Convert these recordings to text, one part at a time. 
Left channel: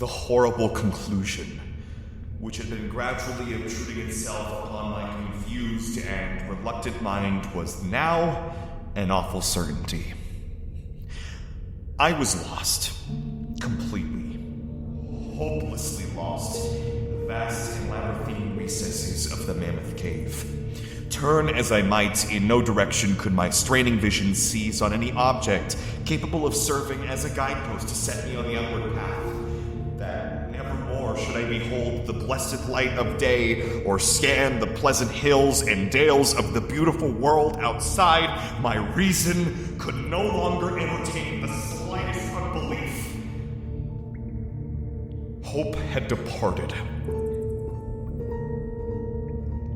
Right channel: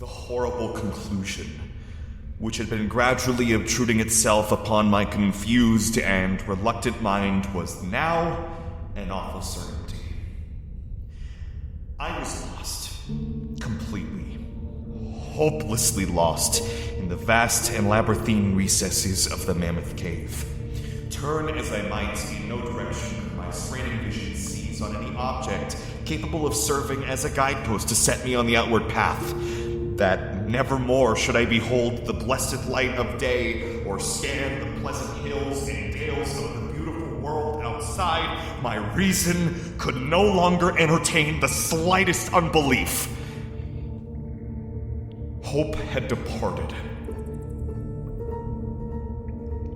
The horrible conclusion, which had been gradually obtruding itself upon my confused and reluctant mind, was now an awful certainty. I was lost, completely, hopelessly lost in the vast and labyrinthine recesses of the Mammoth Cave. Turn as I might, in no direction could my straining vision seize on any object capable of serving as a guidepost to set me on the outward path. That nevermore should I behold the blessed light of day, or scan the pleasant hills and dales of the beautiful world outside, my reason could no longer entertain the slightest unbelief. Hope had departed.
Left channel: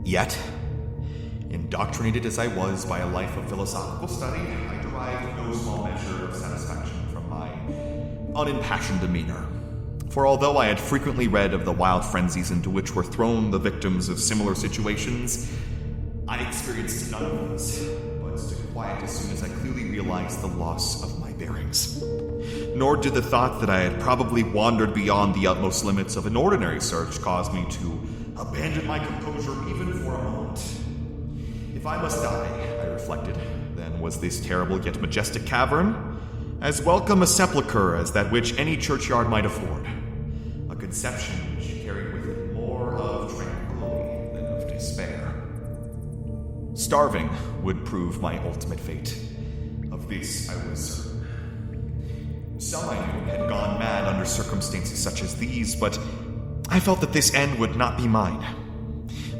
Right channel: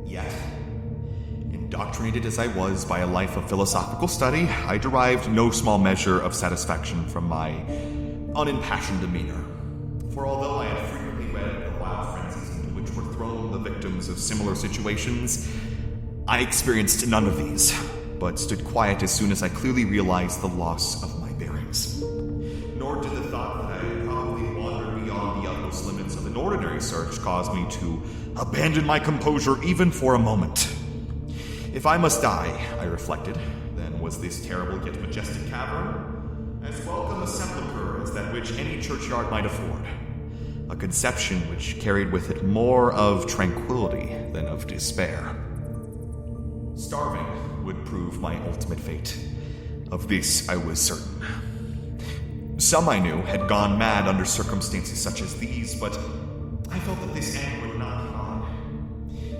Yet, indoctrinated as I was by a life of philosophical study, I derived no small measure of satisfaction from my unimpassioned demeanor. For although I had frequently read of the wild frenzies into which were thrown the victims of similar situations, I experienced none of these, but stood quiet as soon as I clearly realized the loss of my bearings. Nor did the thought that I had probably wandered beyond the utmost limits of an ordinary search cause me to abandon my composure even for a moment. If I must die, I reflected, then was this terrible yet majestic cavern as welcome a sepulchre as that which any churchyard might afford. A conception which carried with it more of tranquility than of despair. Starving would prove my ultimate fate. Of this I was certain. Some I knew had gone mad under circumstances such as these, but I felt that this end would not be mine.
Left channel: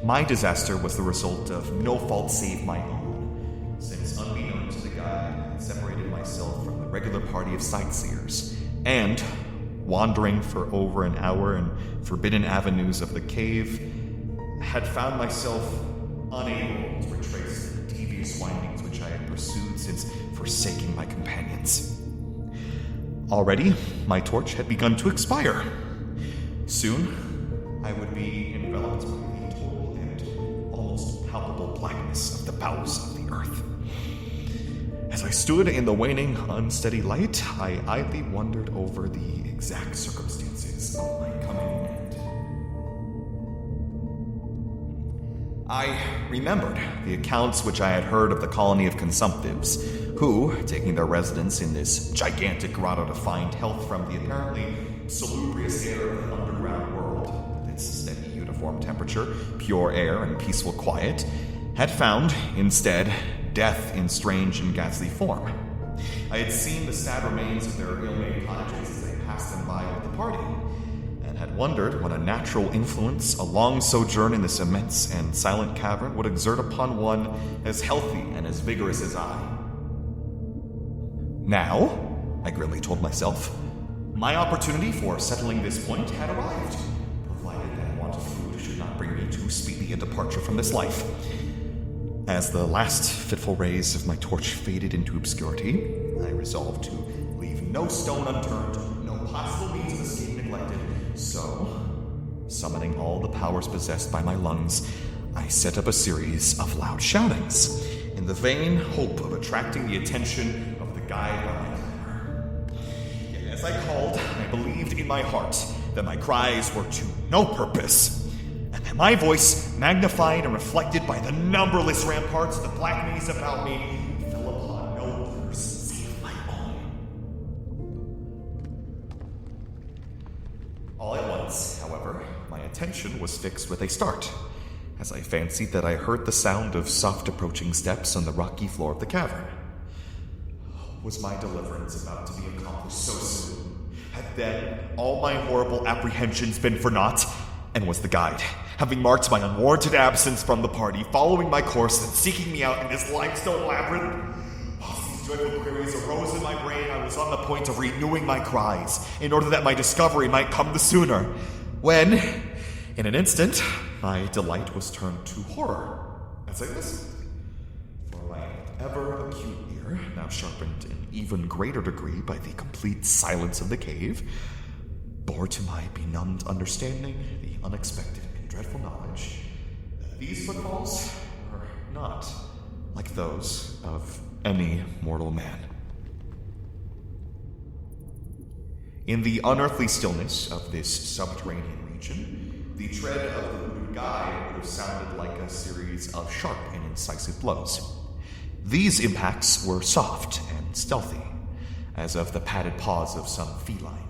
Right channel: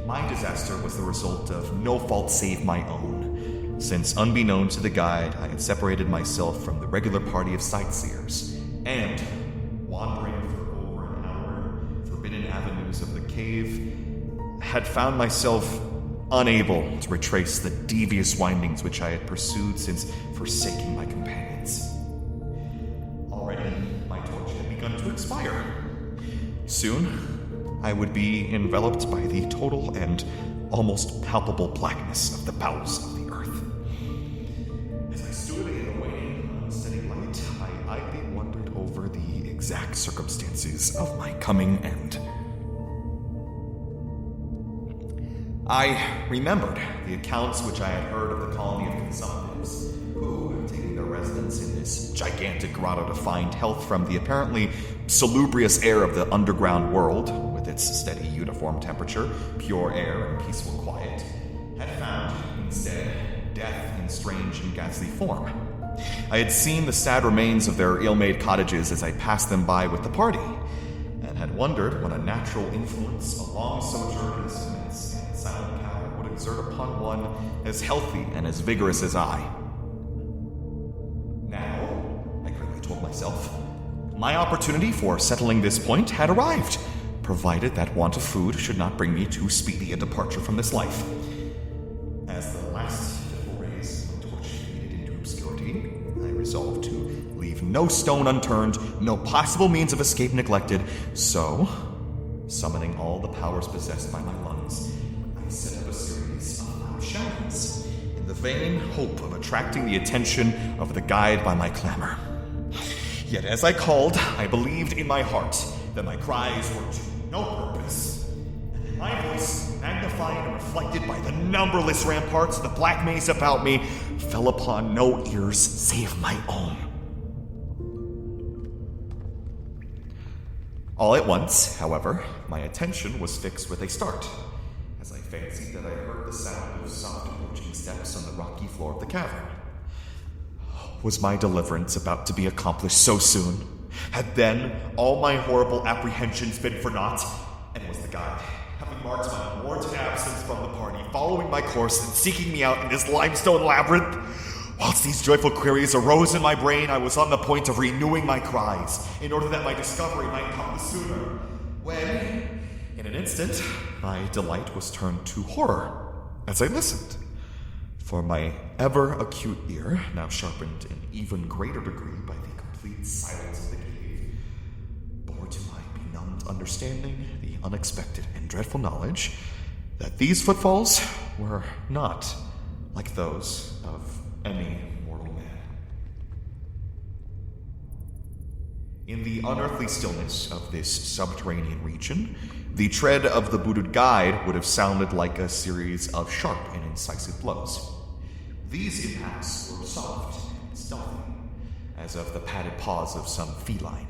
My disaster was the result of no fault save my own, since unbeknown to the guide, I had separated myself from the regular party of sightseers, and, wandering for over an hour in forbidden avenues of the cave, had found myself unable to retrace the devious windings which I had pursued since forsaking my companions. Already, my torch had begun to expire. Soon, I would be enveloped by the total and almost palpable blackness of the bowels of the earth. As I stood in the waning, unsteady light, I idly wondered over the exact circumstances of my coming end. I remembered the accounts which I had heard of the colony of consumptives, who, taking their residence in this gigantic grotto to find health from the apparently salubrious air of the underground world, with its steady uniform temperature, pure air, and peaceful quiet, had found, instead, death in strange and ghastly form. I had seen the sad remains of their ill-made cottages as I passed them by with the party, and had wondered what a natural influence a long sojourn in this immense and silent cavern would exert upon one as healthy and as vigorous as I. Now, I grimly told myself, my opportunity for settling this point had arrived, provided that want of food should not bring me too speedy a departure from this life. As the last fitful rays of my torch faded into obscurity, I resolved to leave no stone unturned, no possible means of escape neglected, so, summoning all the powers possessed by my lungs, I set up a series of loud shoutings, in the vain hope of attracting the attention of the guide by my clamor. Yet as I called, I believed in my heart that my cries were to no purpose, and that my voice, magnified and reflected by the numberless ramparts of the black maze about me, fell upon no ears save my own. All at once, however, my attention was fixed with a start, as I fancied that I heard the sound of soft approaching steps on the rocky floor of the cavern. Was my deliverance about to be accomplished so soon? Had then all my horrible apprehensions been for naught? And was the guide, having marked my unwarranted absence from the party, following my course and seeking me out in this limestone labyrinth? Whilst these joyful queries arose in my brain, I was on the point of renewing my cries, in order that my discovery might come the sooner, when, in an instant, my delight was turned to horror as I listened. For my ever-acute ear, now sharpened in even greater degree by the complete silence of the cave, bore to my benumbed understanding the unexpected and dreadful knowledge that these footfalls were not like those of any mortal man. In the unearthly stillness of this subterranean region, the tread of the booted guide would have sounded like a series of sharp and incisive blows. These impacts were soft and stealthy, as of the padded paws of some feline.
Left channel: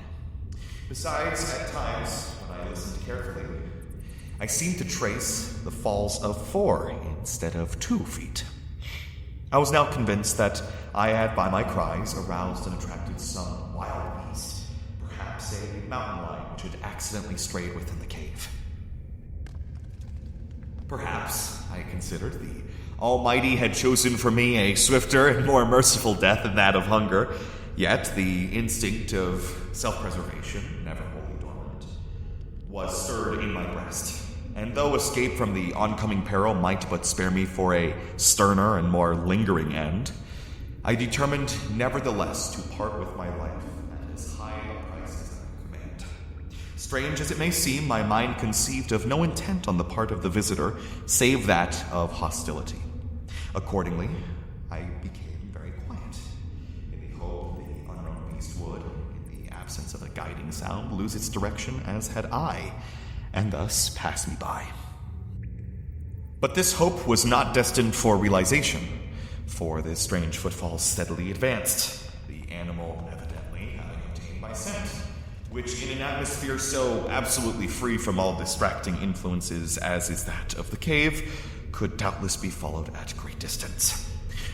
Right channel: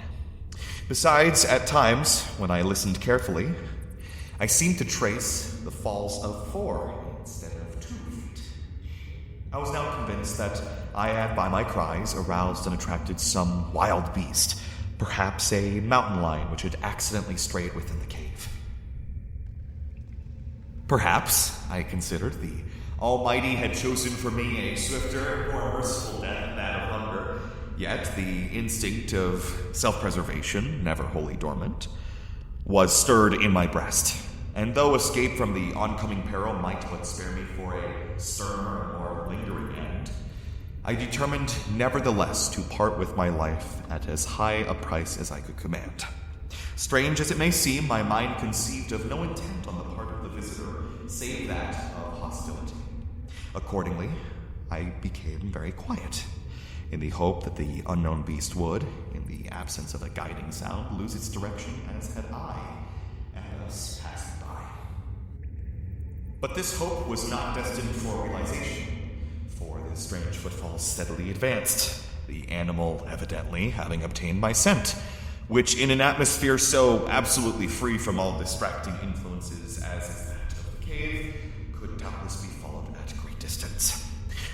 Besides, at times, when I listened carefully, I seemed to trace the falls of 4 instead of 2 feet. I was now convinced that I had, by my cries, aroused and attracted some wild beast, perhaps a mountain lion which had accidentally strayed within the cave. Perhaps, I considered, the Almighty had chosen for me a swifter and more merciful death than that of hunger, yet the instinct of self-preservation, never wholly dormant, was stirred in my breast, and though escape from the oncoming peril might but spare me for a sterner and more lingering end, I determined nevertheless to part with my life at as high a price as I could command. Strange as it may seem, my mind conceived of no intent on the part of the visitor save that of hostility. Accordingly, I became very quiet, in the hope that the unknown beast would, in the absence of a guiding sound, lose its direction as had I, and thus pass me by. But this hope was not destined for realization, for the strange footfalls steadily advanced, the animal evidently having obtained my scent, which in an atmosphere so absolutely free from all distracting influences as is that of the cave, could doubtless be followed at great distance.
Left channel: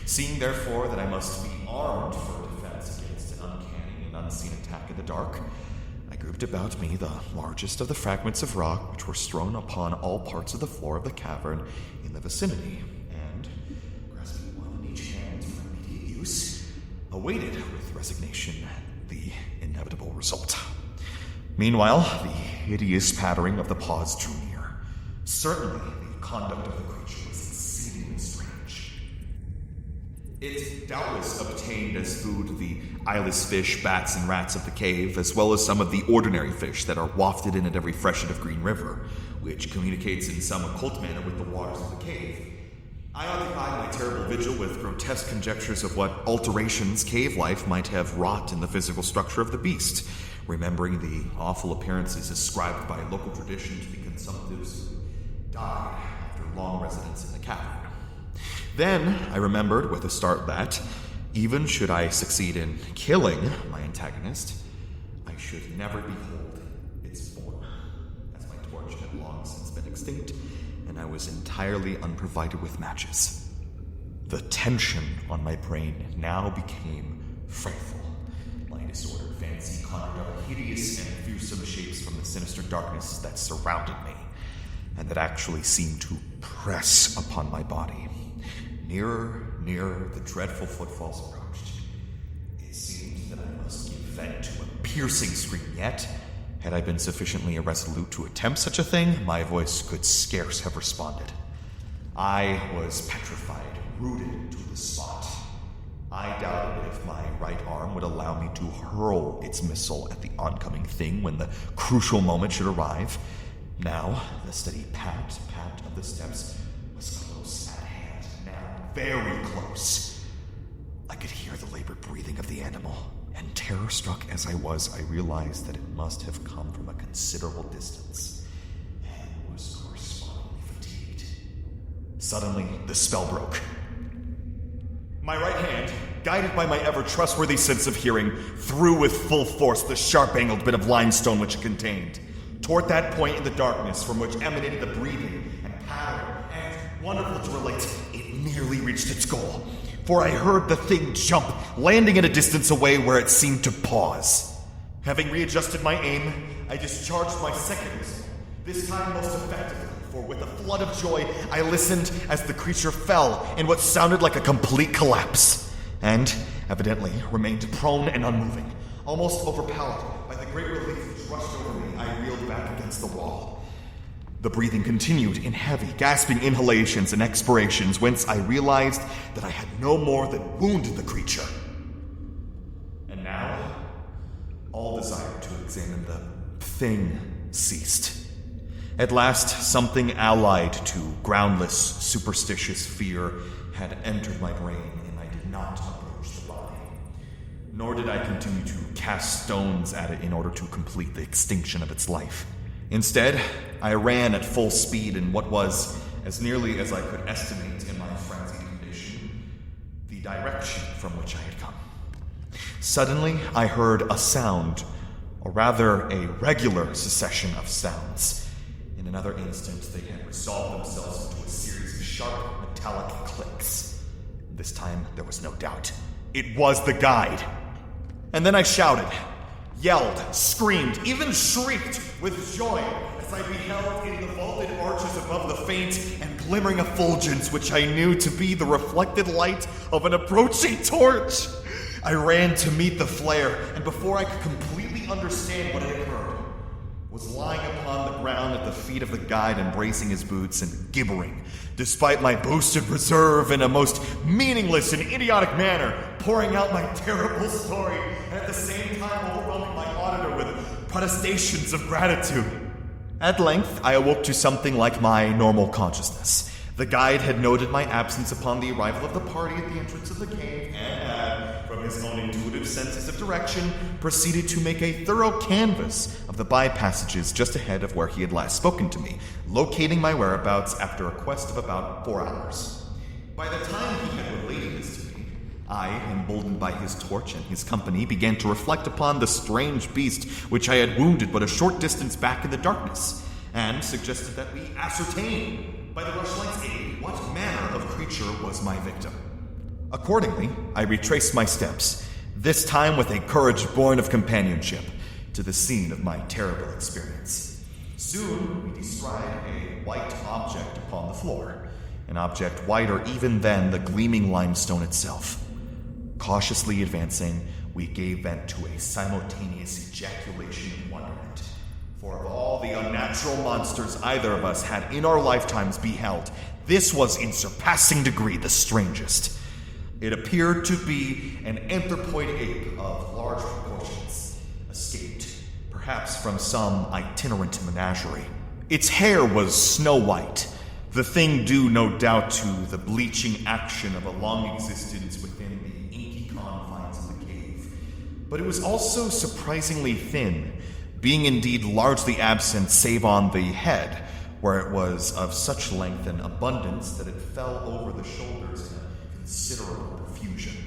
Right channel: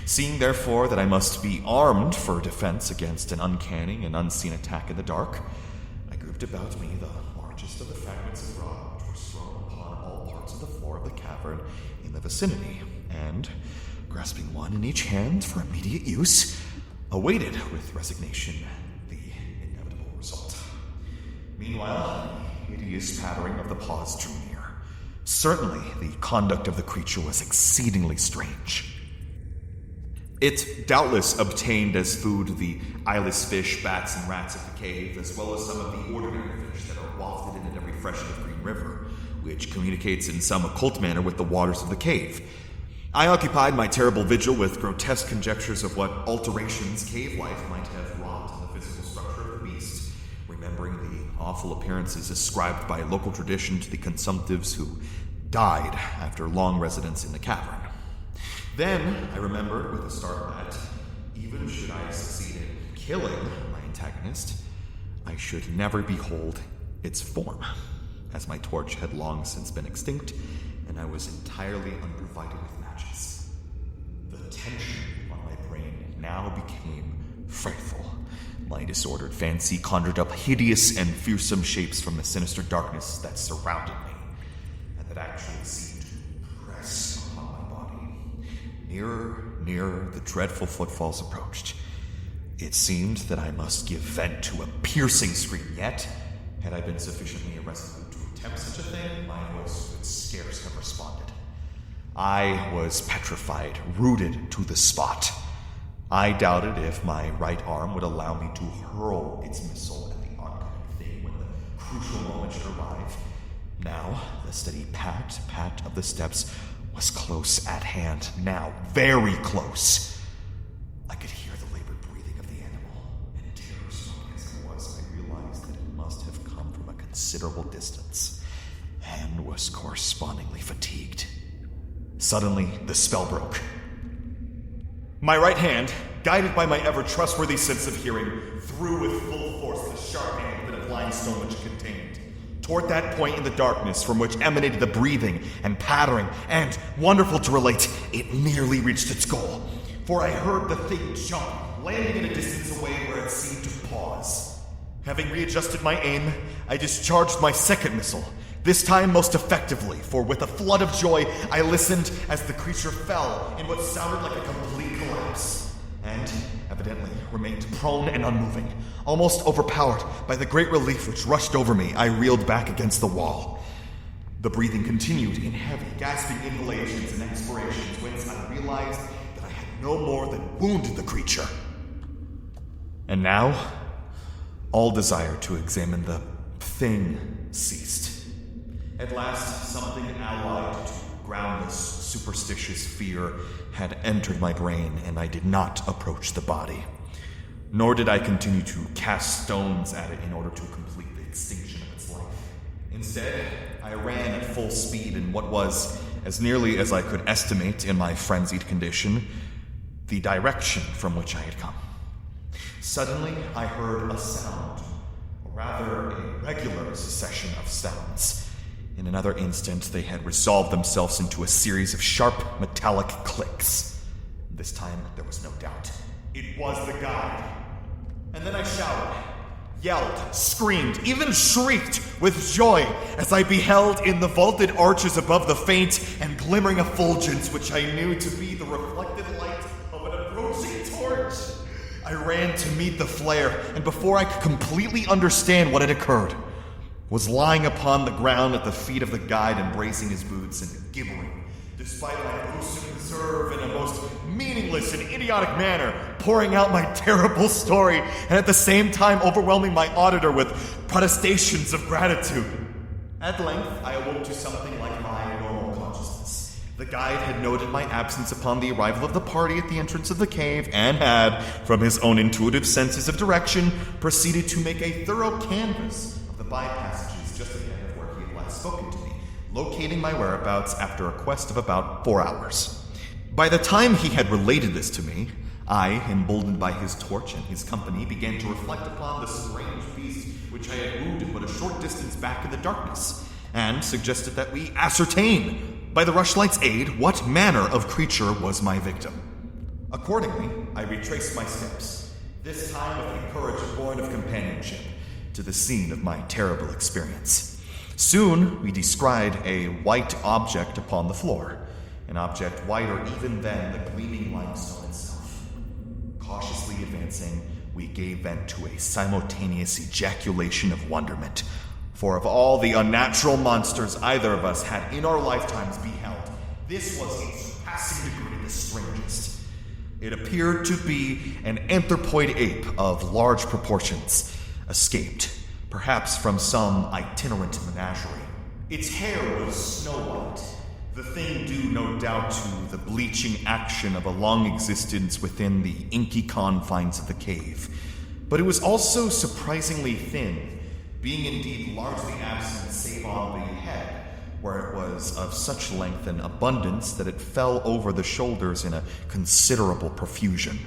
Seeing therefore that I must be armed for defense against an uncanny and unseen attack in the dark, I grouped about me the largest of the fragments of rock which were strewn upon all parts of the floor of the cavern in the vicinity, and, grasping one in each hand for immediate use, awaited with resignation the inevitable result. Meanwhile, the hideous pattering of the paws drew near. Certainly, the conduct of the creature was exceedingly strange. It doubtless obtained as food the eyeless fish, bats, and rats of the cave, as well as some of the ordinary fish that are wafted in at every freshet of Green River, which communicates in some occult manner with the waters of the cave. I occupied my terrible vigil with grotesque conjectures of what alterations cave life might have wrought in the physical structure of the beast, remembering the awful appearances ascribed by local tradition to the consumptives who died after long residence in the cavern. Then I remembered with a start that, even should I succeed in killing my antagonist, I should never behold its form, as my torch had long since been extinct, and I was entirely unprovided with matches. The tension on my brain now became frightful. My disordered fancy conjured up hideous and fearsome shapes from the sinister darkness that surrounded me, and that actually seemed to press upon my body. Nearer, the dreadful footfalls approached. It seemed that I must give vent to a piercing scream, yet, had I been sufficiently irresolute to attempt such a thing, my voice could scarce have responded. I was petrified, rooted to the spot. I doubted if my right arm would allow me to hurl its missile at the oncoming thing when the crucial moment should arrive. Now, the steady pat of the steps was close at hand, now very close. I could hear the labored breathing of the animal, and terror-struck as I was, I realized that it must have come from a considerable distance, and was correspondingly fatigued. Suddenly, the spell broke. My right hand, guided by my ever-trustworthy sense of hearing, threw with full force the sharp-angled bit of limestone which it contained, toward that point in the darkness from which emanated the breathing and pattering, and, wonderful to relate, it nearly reached its goal, for I heard the thing jump, landing at a distance away where it seemed to pause. Having readjusted my aim, I discharged my second missile, this time most effectively, for with a flood of joy, I listened as the creature fell in what sounded like a complete collapse, and, evidently, remained prone and unmoving. Almost overpowered by the great relief which rushed over me, I reeled back against the wall. The breathing continued in heavy, gasping inhalations and expirations, whence I realized that I had no more than wounded the creature. And now, all desire to examine the thing ceased. At last, something allied to groundless, superstitious fear had entered my brain, and I did not approach the body. nor did I continue to cast stones at it in order to complete the extinction of its life. Instead, I ran at full speed in what was, as nearly as I could estimate in my frenzied condition, the direction from which I had come. Suddenly, I heard a sound, or rather a regular succession of sounds. In another instant, they had resolved themselves into a series of sharp, metallic clicks. This time, there was no doubt. It was the guide. And then I shouted, yelled, screamed, even shrieked with joy as I beheld in the vaulted arches above the faint and glimmering effulgence which I knew to be the reflected light of an approaching torch. I ran to meet the flare, and before I could completely understand what had occurred, was lying upon the ground at the feet of the guide, embracing his boots and gibbering, despite my boasted reserve in a most meaningless and idiotic manner, pouring out my terrible story and at the same time overwhelming my auditor with protestations of gratitude. At length, I awoke to something like my normal consciousness. The guide had noted my absence upon the arrival of the party at the entrance of the cave and had, from his own intuitive senses of direction, proceeded to make a thorough canvass of the by-passages just ahead of where he had last spoken to me, locating my whereabouts after a quest of about 4 hours. By the time he had related this to me, I, emboldened by his torch and his company, began to reflect upon the strange beast which I had wounded but a short distance back in the darkness, and suggested that we ascertain, by the rushlight's aid, what manner of creature was my victim. Accordingly, I retraced my steps, this time with a courage born of companionship, to the scene of my terrible experience. Soon, we descried a white object upon the floor, an object whiter even than the gleaming limestone itself. Cautiously advancing, we gave vent to a simultaneous ejaculation of wonderment. For of all the unnatural monsters either of us had in our lifetimes beheld, this was in surpassing degree the strangest. It appeared to be an anthropoid ape of large proportions, escaped, perhaps from some itinerant menagerie. Its hair was snow white, the thing due no doubt to the bleaching action of a long existence within the inky confines of the cave. But it was also surprisingly thin, being indeed largely absent save on the head, where it was of such length and abundance that it fell over the shoulders in a considerable profusion.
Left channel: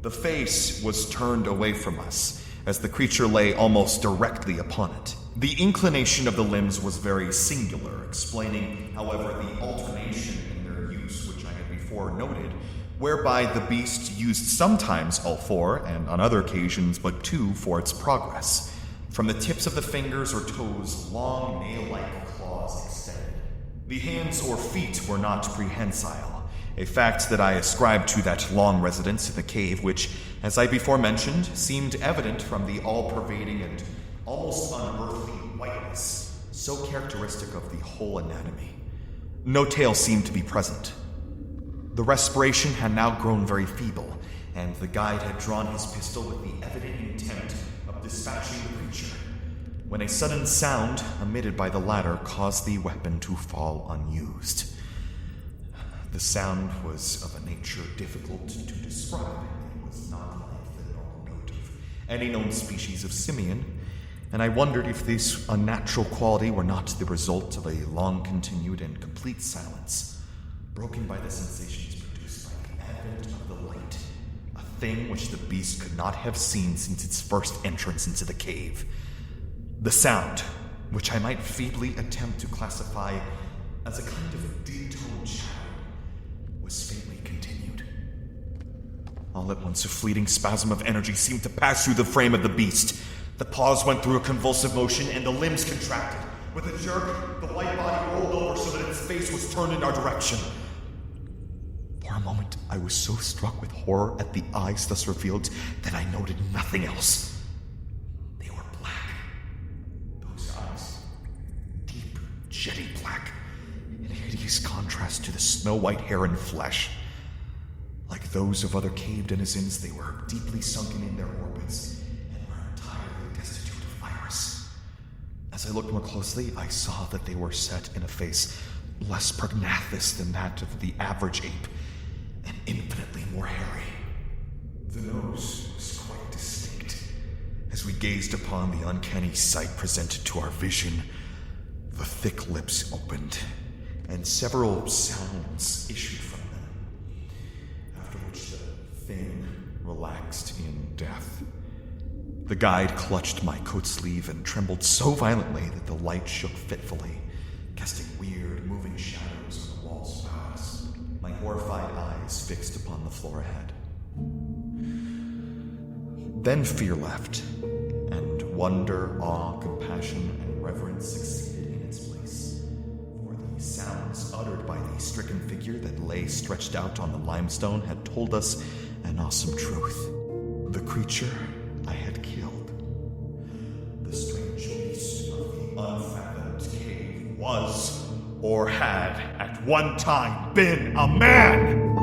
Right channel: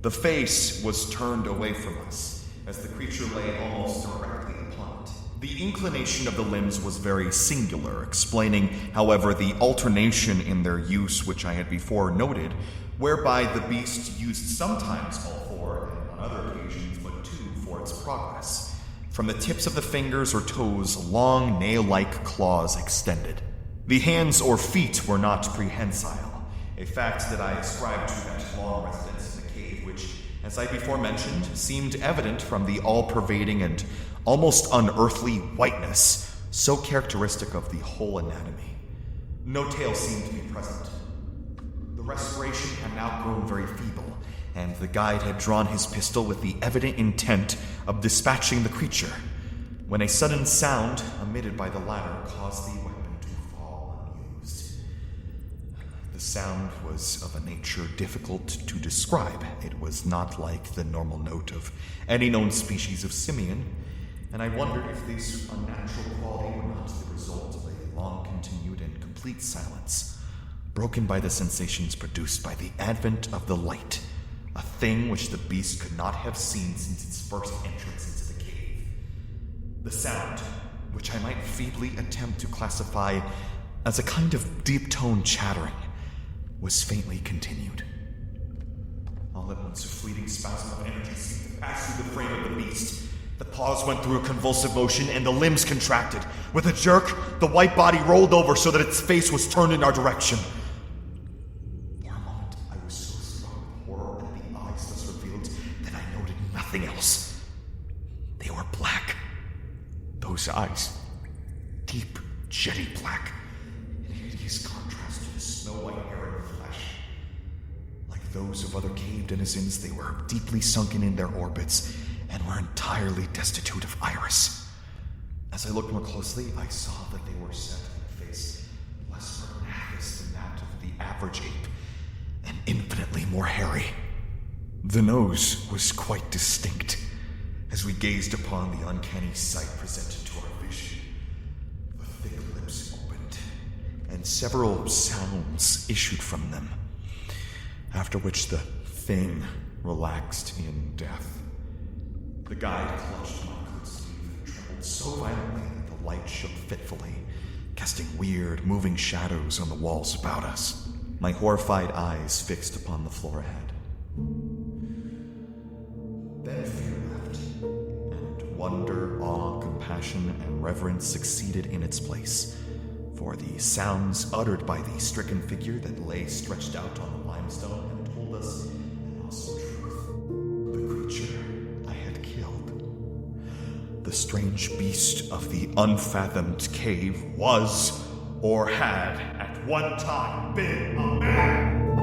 The face was turned away from us, as the creature lay almost directly upon it. The inclination of the limbs was very singular, explaining, however, the alternation in their use which I had before noted, whereby the beast used sometimes all 4, and on other occasions but 2 for its progress. From the tips of the fingers or toes, long nail-like claws extended. The hands or feet were not prehensile, a fact that I ascribed to that long residence in the cave which, as I before mentioned, seemed evident from the all-pervading and almost unearthly whiteness, so characteristic of the whole anatomy. No tail seemed to be present. The respiration had now grown very feeble, and the guide had drawn his pistol with the evident intent of dispatching the creature, when a sudden sound emitted by the latter caused the weapon to fall unused. The sound was of a nature difficult to describe. It was not like the normal note of any known species of simian, and I wondered if this unnatural quality were not the result of a long-continued and complete silence, broken by the sensations produced by the advent of the light, a thing which the beast could not have seen since its first entrance into the cave. The sound, which I might feebly attempt to classify as a kind of deep-toned chattering, was faintly continued. All at once a fleeting spasm of energy seemed to pass through the frame of the beast. The paws went through a convulsive motion and the limbs contracted. With a jerk, the white body rolled over so that its face was turned in our direction. For a moment, I was so struck with horror at the eyes thus revealed that I noted nothing else. They were black. Those eyes, deep, jetty black, in hideous contrast to the snow-white hair and flesh. Like those of other cave denizens, they were deeply sunken in their orbits and were entirely destitute of iris. As I looked more closely, I saw that they were set in a face less prognathous than that of the average ape, and infinitely more hairy. The nose was quite distinct. As we gazed upon the uncanny sight presented to our vision, the thick lips opened, and several sounds issued from them, after which the thing relaxed in death. The guide clutched my coat sleeve and trembled so violently that the light shook fitfully, casting weird, moving shadows on the walls about us, my horrified eyes fixed upon the floor ahead. Then fear left, and wonder, awe, compassion, and reverence succeeded in its place, for the sounds uttered by the stricken figure that lay stretched out on the limestone had told us an awesome truth. The creature I had killed, the strange beast of the unfathomed cave, was, or had at one time been, a man!